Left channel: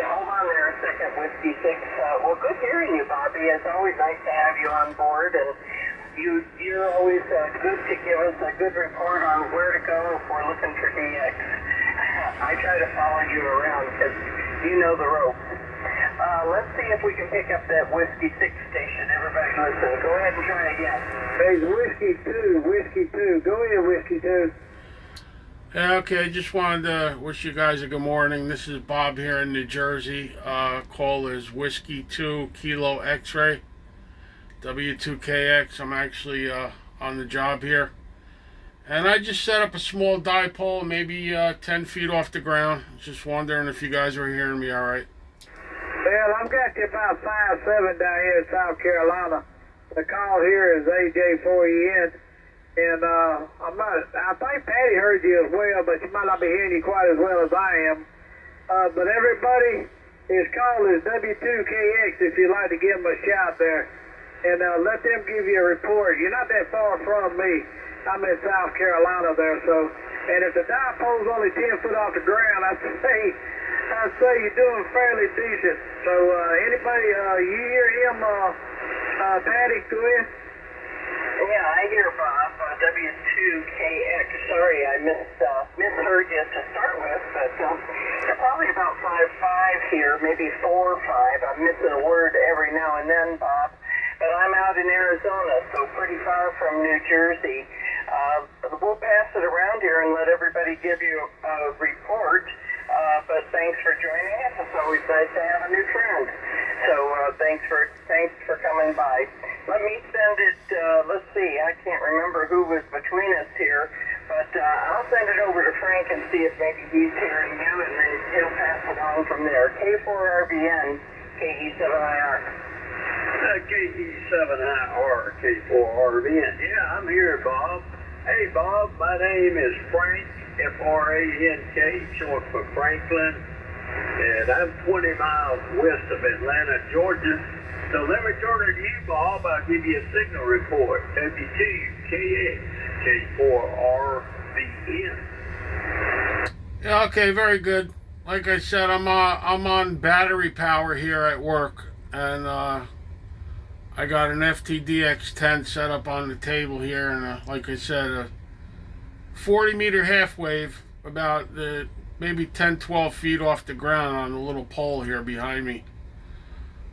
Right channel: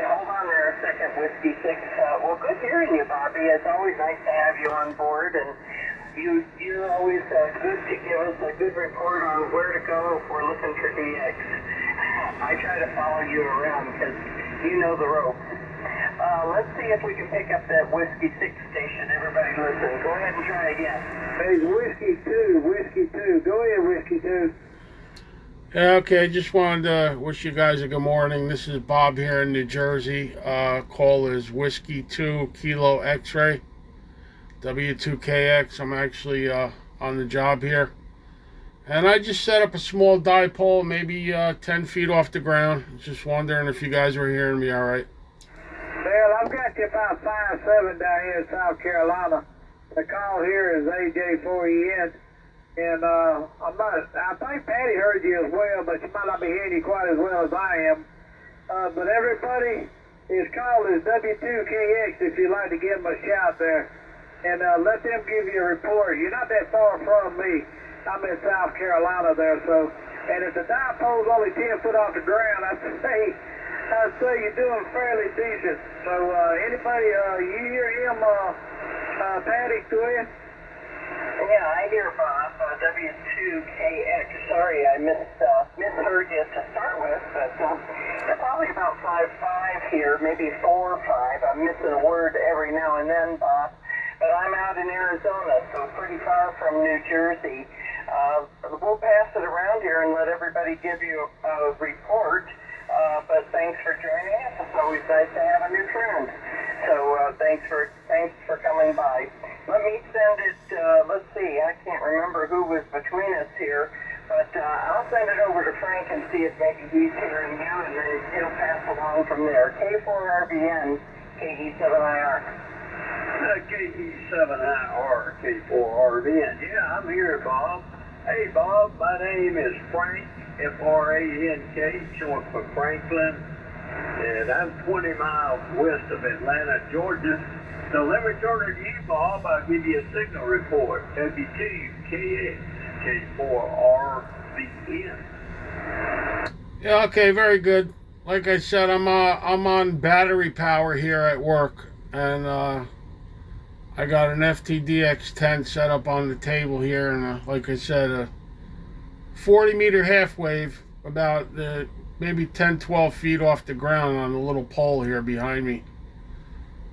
hold on there a second, Whiskey 6. Well, good hearing you, Bobby. It's always nice to have you on board, and you're always good to give us a good report on where to go if we're looking for DX. I try to follow you around because you know the ropes. Let's see if we can pick up that Whiskey 6 station. Everybody listen. Go ahead and try again. Hey, Whiskey 2. Go ahead, Whiskey 2. Yeah, okay, just wanted to wish you guys a good morning. This is Bob here in New Jersey. Call is Whiskey 2 Kilo X-Ray, W2KX. I'm actually on the job here. And I just set up a small dipole, maybe 10 feet off the ground. Just wondering if you guys were hearing me all right. Well, I've got you about 5'7" down here in South Carolina. The call here is AJ4EN. And I think Patty heard you as well, but she might not be hearing you quite as well as I am. But everybody, his call is W2KX if you'd like to give them a shout there. And let them give you a report. You're not that far from me. I'm in South Carolina there, so. And if the dipole's only 10 foot off the ground, I'd say you're doing fairly decent. So anybody, you hear him, Patty, go ahead. Yeah, I hear Bob, W2KX. Sorry, I misheard you to start with, but they're probably about 5'5" here, maybe 4 or 5. I'm missing a word every now and then, Bob. But I'm out in Arizona, so pretty far from New Jersey. We'll pass it around here and let everybody give you a report. But thanks for joining us. It's always nice to have a new friend. So thanks for coming by. Let me send it, let's see, I can't remember who was between us here, but I'll send it over to Frank and see if maybe he's hearing you, and then he'll pass it on from there. K4RBN, KE7IR. KE7IR, K4RBN. Yeah, I'm here, Bob. Hey, Bob, my name is Frank, F-R-A-N-K, short for Franklin, and I'm 20 miles west of Atlanta, Georgia. So let me turn it to you, Bob. I'll give you a signal report. W2KX, K4RBN. Yeah, okay, very good. Like I said, I'm on battery power here at work, and I got an FTDX10 set up on the table here, and like I said, a 40-meter half wave, about maybe 10-12 feet off the ground on the little pole here behind me.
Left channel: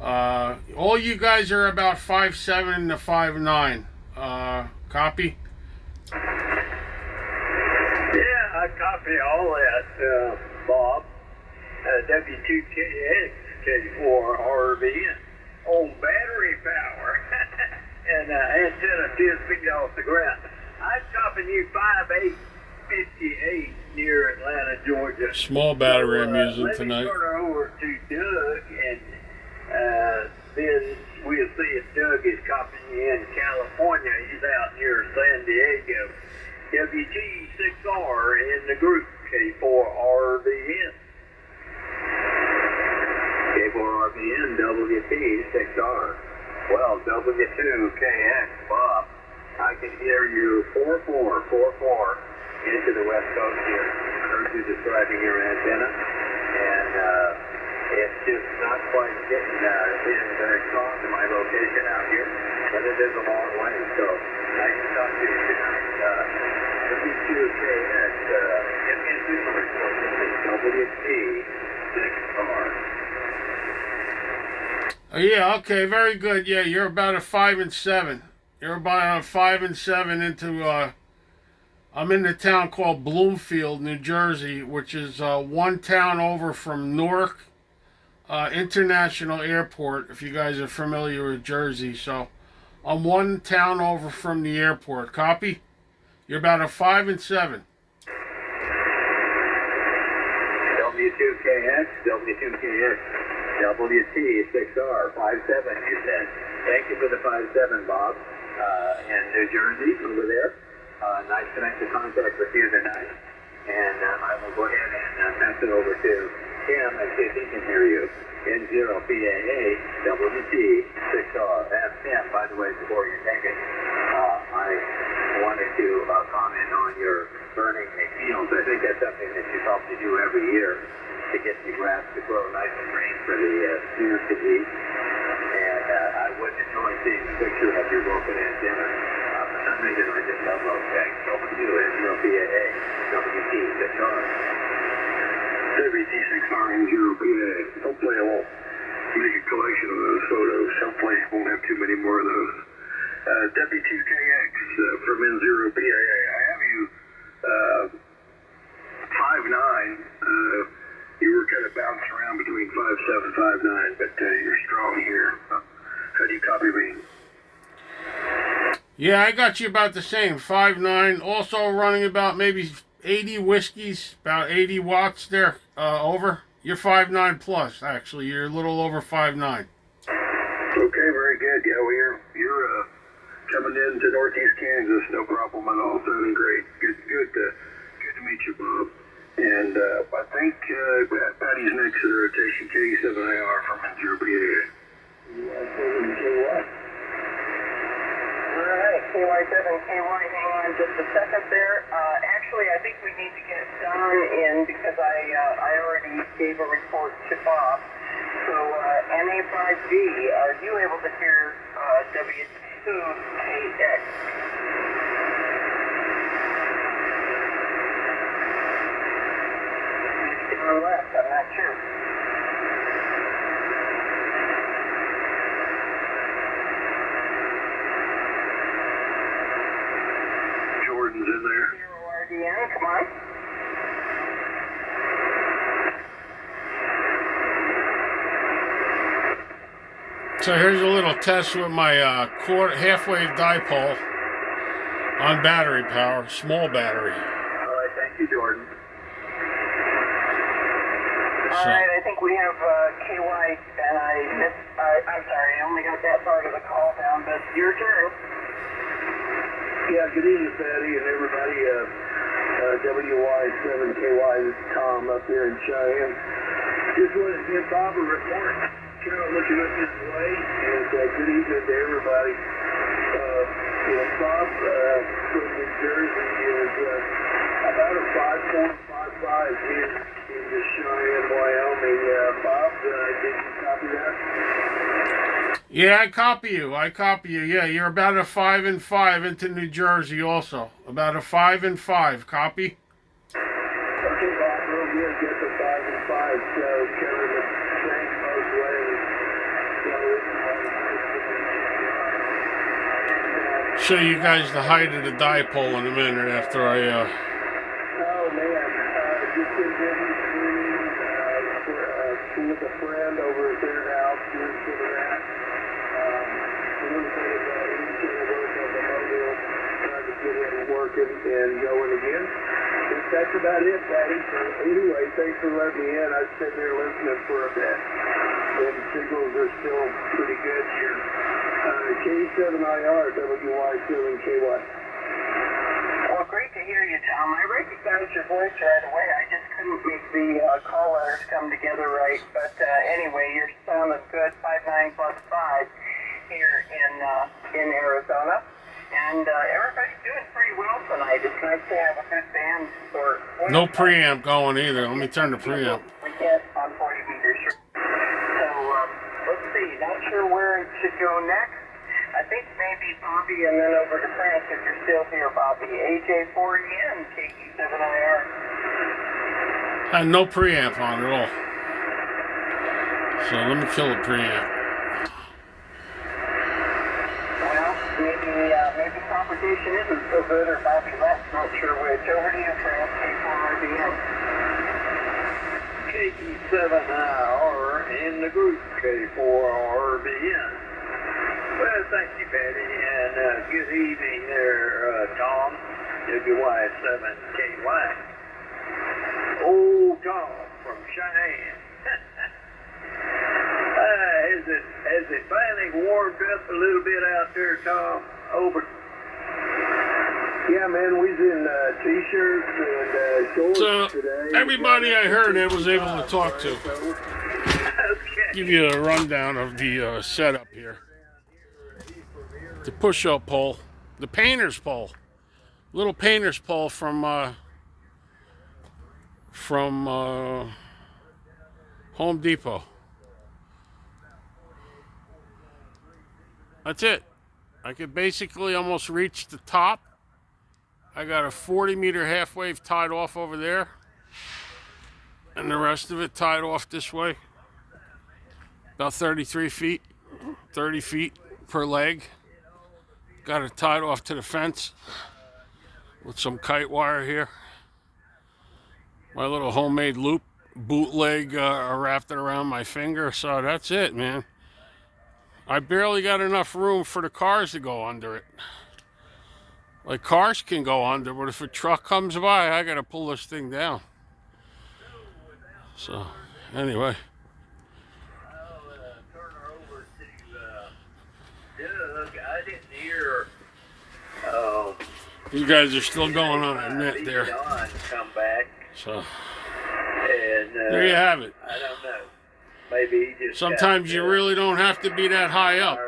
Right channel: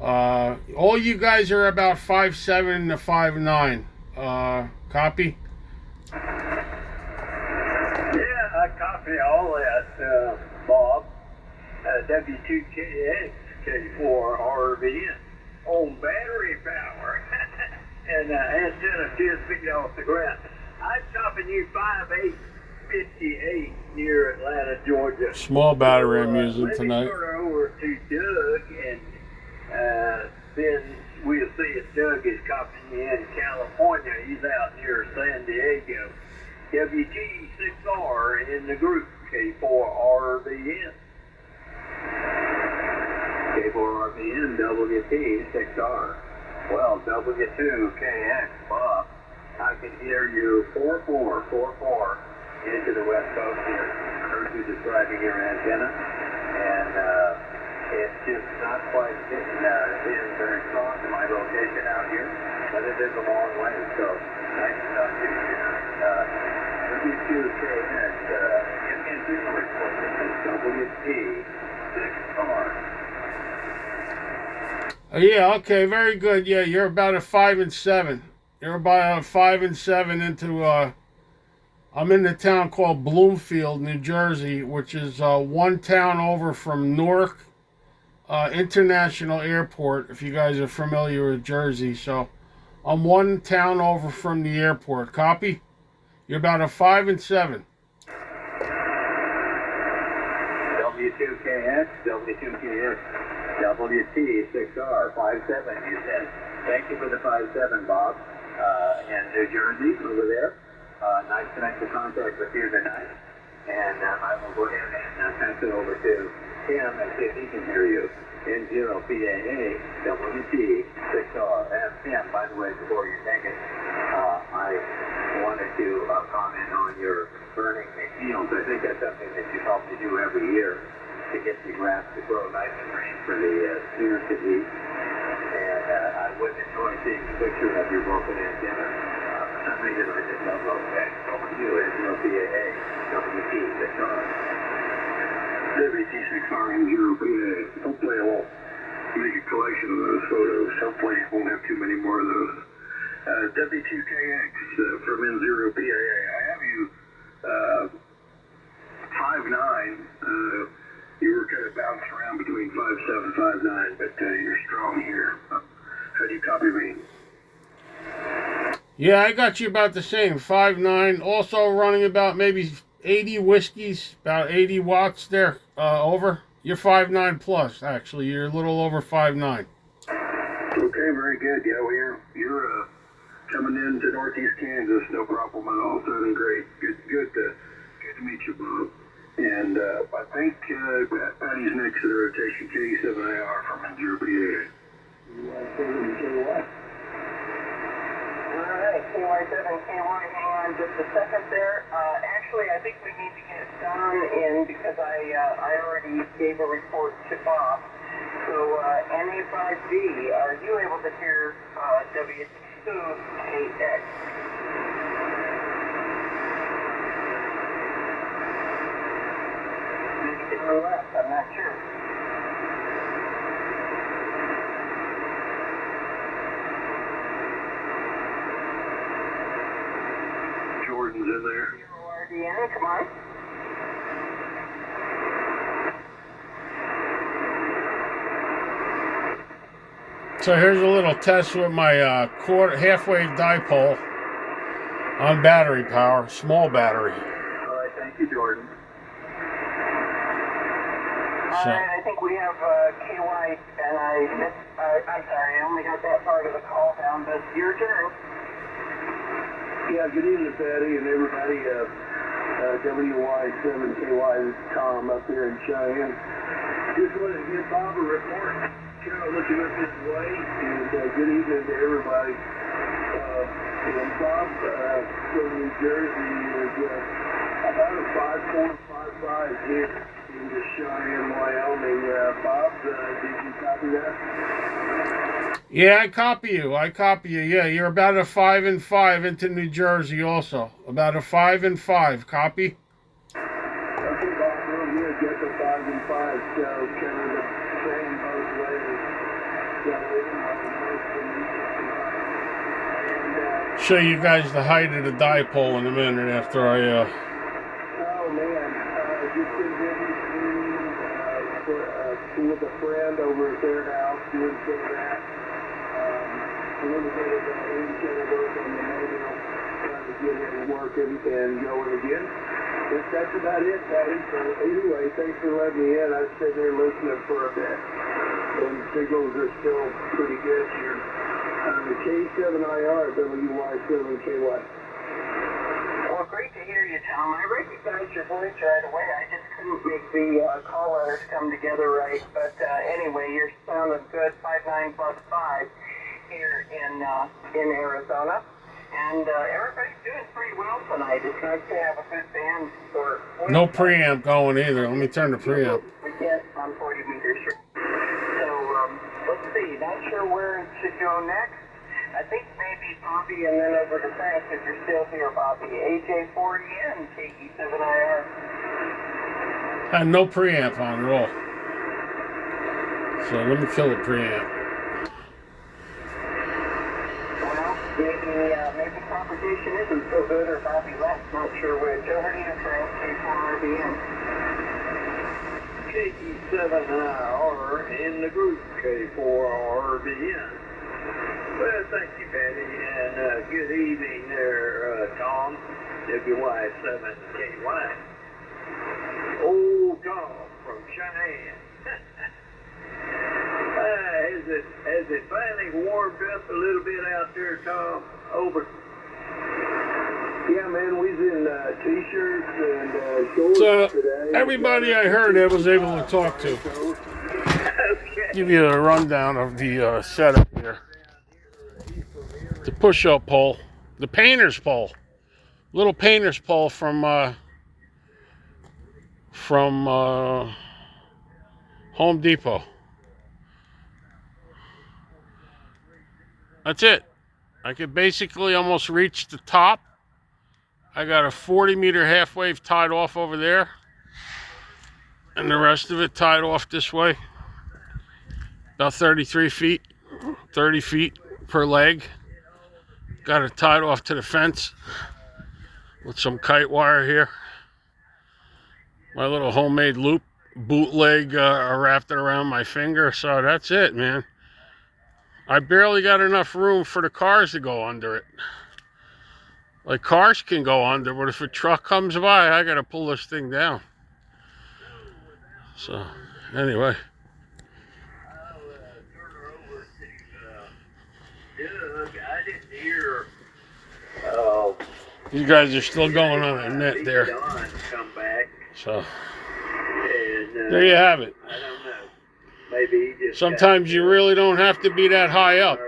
All you guys are about 5'7" to 5'9". Copy? Yeah, I copy all that, Bob. W2KX, K4RBN. On battery power. And antenna 10 feet off the ground. I'm copying you 5'8", 58 near Atlanta, Georgia. Small battery I'm using tonight. Let me turn it over to Doug, and then we'll see if Doug is copying you in California. He's out near San Diego. WT6R in the group, K4RBN. K4RBN, WT6R. Well, W2KX, Bob. I can hear you 4444 into the west coast here. I heard you describing your antenna, and it's just not quite getting in very strong to my location out here, but it is a long way, so nice to talk to you tonight. W2KX, give me a signal report. This is WT6R. Yeah, okay, very good. Yeah, you're about a 5 and 7. You're about a 5 and 7 into I'm in a town called Bloomfield, New Jersey, which is one town over from Newark International Airport, if you guys are familiar with Jersey. So I'm one town over from the airport. Copy? You're about a 5 and 7. W2KX, WT6R, 5'7", you said. Thank you for the 5'7", Bob. In New Jersey, over there. Nice connected contact with you tonight. And I will go ahead and pass it over to Tim and see if he can hear you. N0PAA, WT6R. And Tim, by the way, before you take it, I wanted to comment on your burning the fields. I think that's something that you probably do every year. to get the grass to grow nice and green for the steers to eat. And I wouldn't enjoy seeing the picture of your broken antenna. For some reason, I just love W2, N0PAA, WT6R. WT6R N0PAA. Hopefully I won't make a collection of those photos. Hopefully I won't have too many more of those. W2KX from N0PAA. I have you 5'9". You were kind of bouncing around between 5'7", 5'9", but you're strong here. How do you copy me? Yeah, I got you about the same, 5'9". Also running about maybe 80 whiskeys, about 80 watts there over. You're 5'9" plus, actually. You're a little over 5'9". Okay, very good. Yeah, you're coming into Northeast Kansas, no problem at all. Sounding great. Good to meet you, Bob. And I think Patty's next in the rotation, KE7IR from N0PAA. Alright, KY7KY, hang on just a second there. Actually, I think we need to get Don in because I already gave a report to Bob. So, NA5D, are you able to hear W2KX? Maybe down left, I'm not sure. Jordan's in there. RDN, come on. So here's a little test with my half-wave dipole on battery power, small battery. All right, thank you, Jordan. Alright, I think we have KY, and I'm sorry, I only got that part of the call down, but your turn. Yeah, good evening, Patty, and everybody. WY7KY, this is Tom up here in Cheyenne. Just wanted to give Bob a report. Kind of looking up his way, and good evening to everybody. Bob from New Jersey is about a 5.55 here in the Cheyenne, Wyoming. Bob, did you copy that? Yeah, I copy you. Yeah, you're about a 5-5 into New Jersey also. About a 5-5. Copy? Okay, Bob, real good. Get the 5-5, so kind of the same both ways. So nice to meet you. Show you guys the height of the dipole in a minute after I Oh, man. Just been getting with a friend over at their house, doing some of that. A little bit of internal work on the motor, trying to get it working and going again. I think that's about it, Patty. So anyway, thanks for letting me in. I've sitting there listening for a bit, and signals are still pretty good here. K7IR, WY7KY. Well, great to hear you, Tom. I recognized your voice right away. I just couldn't make the call letters come together right. But anyway, you're sounding good. 5'9" plus 5 here in Arizona. And everybody's doing pretty well tonight. It's nice to have a good band for... no preamp going either. Let me turn the preamp. We get on 40 meters. So, let's see. Not sure where it should go next. I think maybe Bobby and then over to France if you're still here, Bobby. AJ4EN, KE7IR. Had no preamp on at all. So let me kill the preamp. Well, maybe propagation isn't so good or Bobby left. Not sure which. Over to you, France, K4RBN. KE7IR in the group, K4RBN. Well, thank you, Patty, and good evening there, Tom, WY7KY. Old Tom from Cheyenne. Has it finally warmed up a little bit out there, Tom? Over. Yeah, man, we's in t-shirts and shorts So today. everybody I heard I was able to talk to. Okay. Give you a rundown of the setup here. The push-up pole, the painter's pole, little painter's pole from Home Depot. That's it. I could basically almost reach the top. I got a 40-meter half wave tied off over there, and the rest of it tied off this way. About 33 feet, 30 feet per leg. Got it tied off to the fence with some kite wire here. My little homemade loop bootleg wrapped it around my finger. So that's it, man. I barely got enough room for the cars to go under it. Like, cars can go under, but if a truck comes by, I gotta pull this thing down. So, anyway. Doug, I didn't hear. You guys are still going on a net there. Come back. So, And there you have it. I don't know. Maybe he just Sometimes you really don't have to be that high up.